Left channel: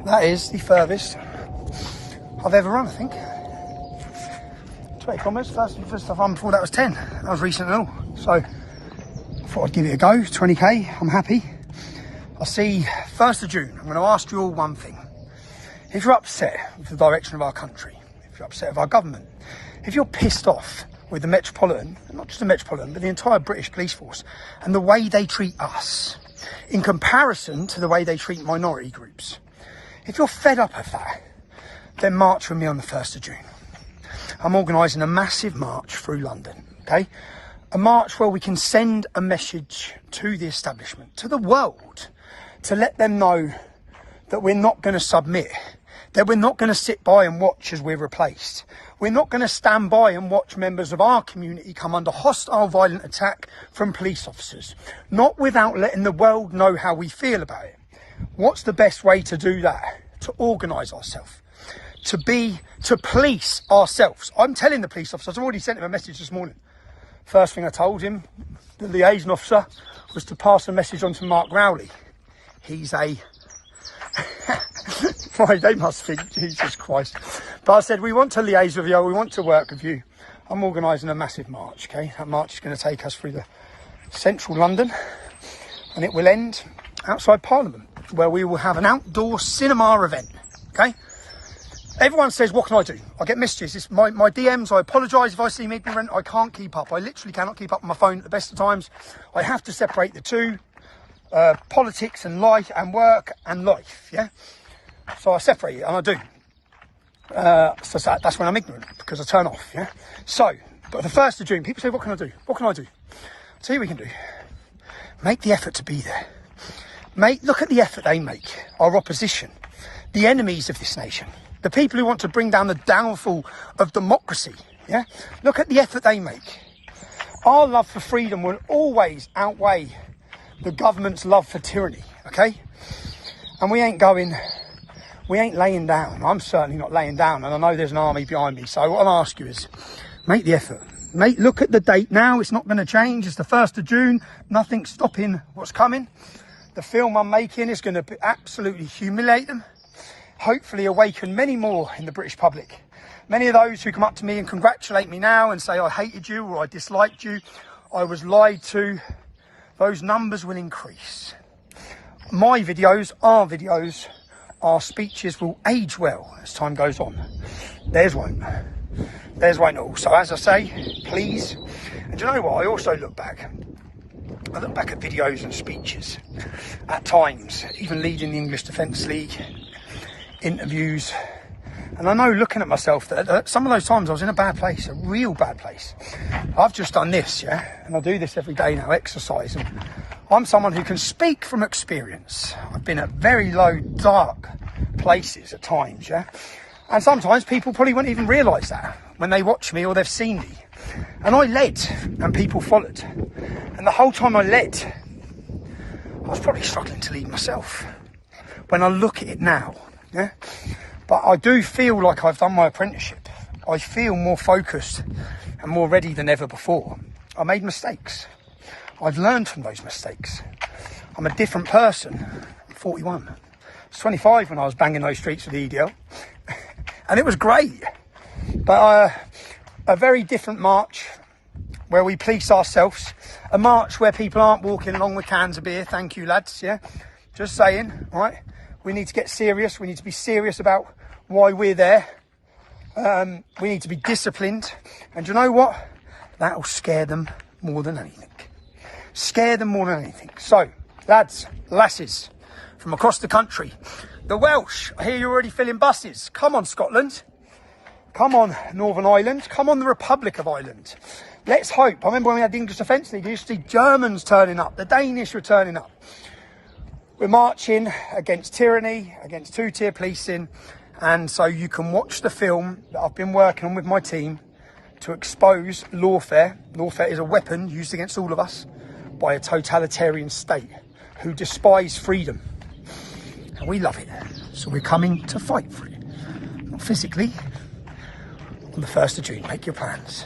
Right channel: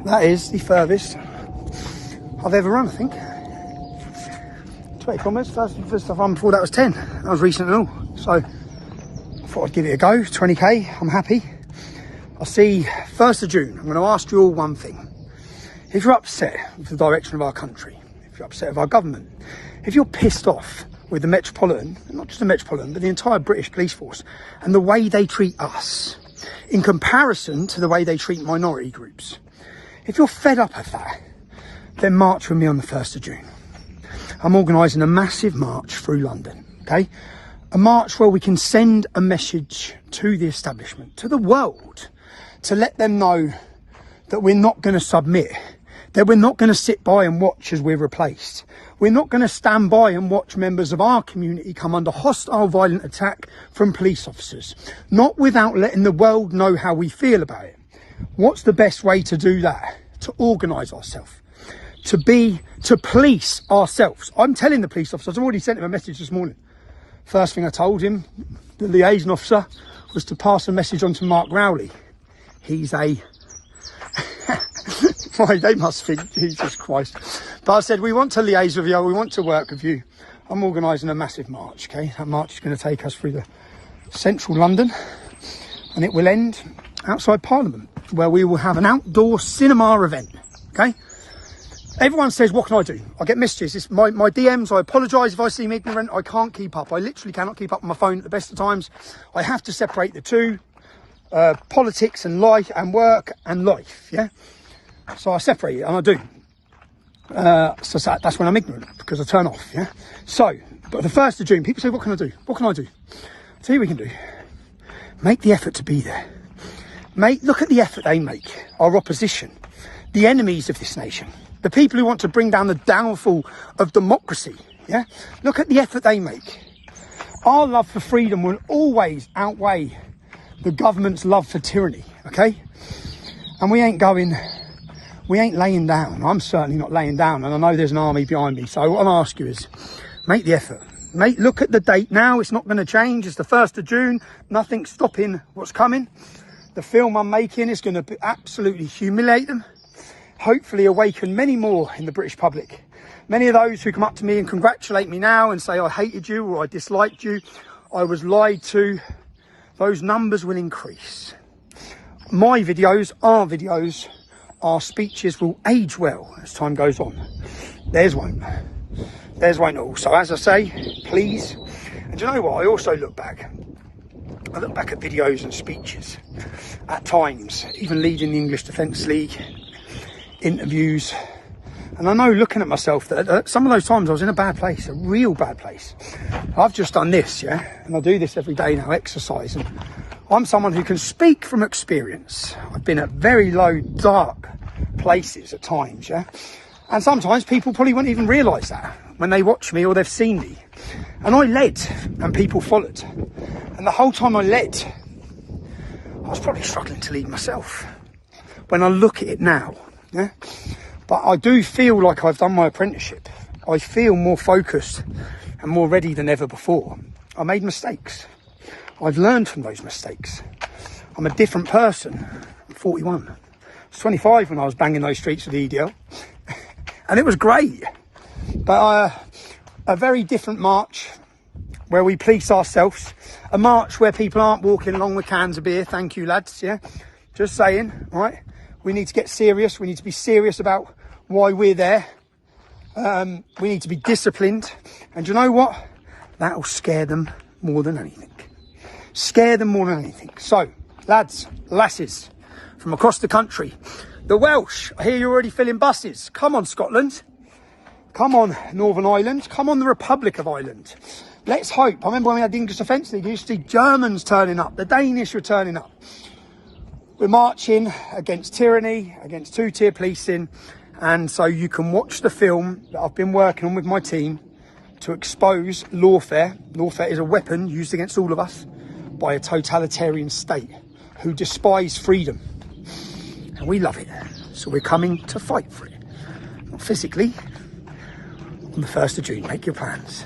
That is the furthest I've ever run, I think. 20 kilometres, first I've run before that was 10. That was recent and all. So, thought I'd give it a go, 20k, I'm happy. I see, 1st of June, I'm going to ask you all one thing. If you're upset with the direction of our country, if you're upset with our government, if you're pissed off with the Metropolitan, and not just the Metropolitan, but the entire British police force, and the way they treat us, in comparison to the way they treat minority groups, if you're fed up of that, then march with me on the 1st of June. I'm organising a massive march through London, okay? A march where we can send a message to the establishment, to the world, to let them know that we're not going to submit, that we're not going to sit by and watch as we're replaced. We're not going to stand by and watch members of our community come under hostile, violent attack from police officers, not without letting the world know how we feel about it. What's the best way to do that? To organise ourselves, to police ourselves. I'm telling the police officers, I've already sent him a message this morning. First thing I told him, the liaison officer, was to pass a message on to Mark Rowley. He's a... Sorry, they must think, Jesus Christ. But I said, we want to liaise with you, we want to work with you. I'm organising a massive march, okay? That march is going to take us through the central London, and it will end outside Parliament, where we will have an outdoor cinema event, okay? Everyone says, what can I do? I get messages. It's my DMs, I apologise if I seem ignorant. I can't keep up. I literally cannot keep up with my phone at the best of times. I have to separate the two, politics and life and work and life, yeah? So I separate it, and I do. So that's now I'm ignorant, because I turn off, yeah? So, the 1st of June, people say, what can I do? What can I do? See what we can do. Make the effort to be there. Look at the effort they make, our opposition, the enemies of this nation, the people who want to bring down the downfall of democracy, yeah? Look at the effort they make. Our love for freedom will always outweigh the government's love for tyranny, okay? And we ain't laying down. I'm certainly not laying down, and I know there's an army behind me. So what I'm asking is, make the effort. Look at the date now, it's not going to change. It's the 1st of June, nothing's stopping what's coming. The film I'm making is going to absolutely humiliate them. Hopefully awaken many more in the British public. Many of those who come up to me and congratulate me now and say I hated you or I disliked you, I was lied to, those numbers will increase. My videos, our speeches will age well as time goes on. There's one. Also, as I say, please, and do you know what, I also look back. I look back at videos and speeches at times, even leading the English Defence League, interviews, and I know looking at myself that some of those times I was in a bad place, a real bad place. I've just done this, yeah, and I do this every day now, exercise, and I'm someone who can speak from experience. I've been at very low, dark places at times, yeah, and sometimes people probably won't even realise that when they watch me or they've seen me. And I led, and people followed, and the whole time I led, I was probably struggling to lead myself. When I look at it now, yeah, but I do feel like I've done my apprenticeship. I feel more focused and more ready than ever before. I made mistakes. I've learned from those mistakes. I'm a different person. I'm 41. I was 25 when I was banging those streets with the EDL, and it was great. But a very different march where we police ourselves. A march where people aren't walking along with cans of beer. Thank you, lads. Yeah, just saying. All right. We need to get serious. We need to be serious about why we're there. We need to be disciplined. And you know what? That'll scare them more than anything. Scare them more than anything. So, lads, lasses, from across the country. The Welsh, I hear you're already filling buses. Come on, Scotland. Come on, Northern Ireland. Come on, the Republic of Ireland. Let's hope. I remember when we had the English Defence League, you used to see Germans turning up. The Danish were turning up. We're marching against tyranny, against two-tier policing, and so you can watch the film that I've been working on with my team to expose lawfare. Lawfare is a weapon used against all of us by a totalitarian state who despise freedom, and we love it. So we're coming to fight for it. Physically, on the 1st of June, make your plans.